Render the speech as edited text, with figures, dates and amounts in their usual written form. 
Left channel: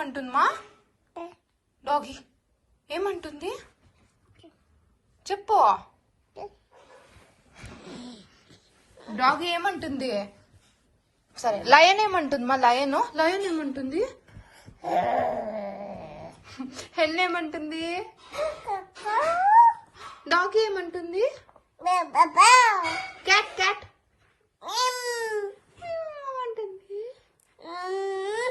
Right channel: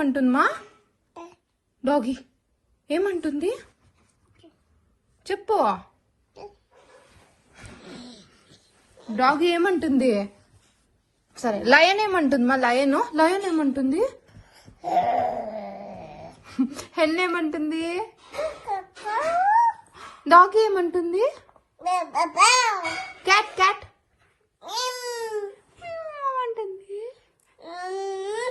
అంటుందమ్మా డాగి ఏమంటుంది చెప్పు డాగి ఏమంటుంది సరే లయన్ ఏమంటుంది మా లయన్ ఏమంటుంది హెన్ ఏమంటుంది డాగి ఏమంటుంది క్యాట్ అంటుంది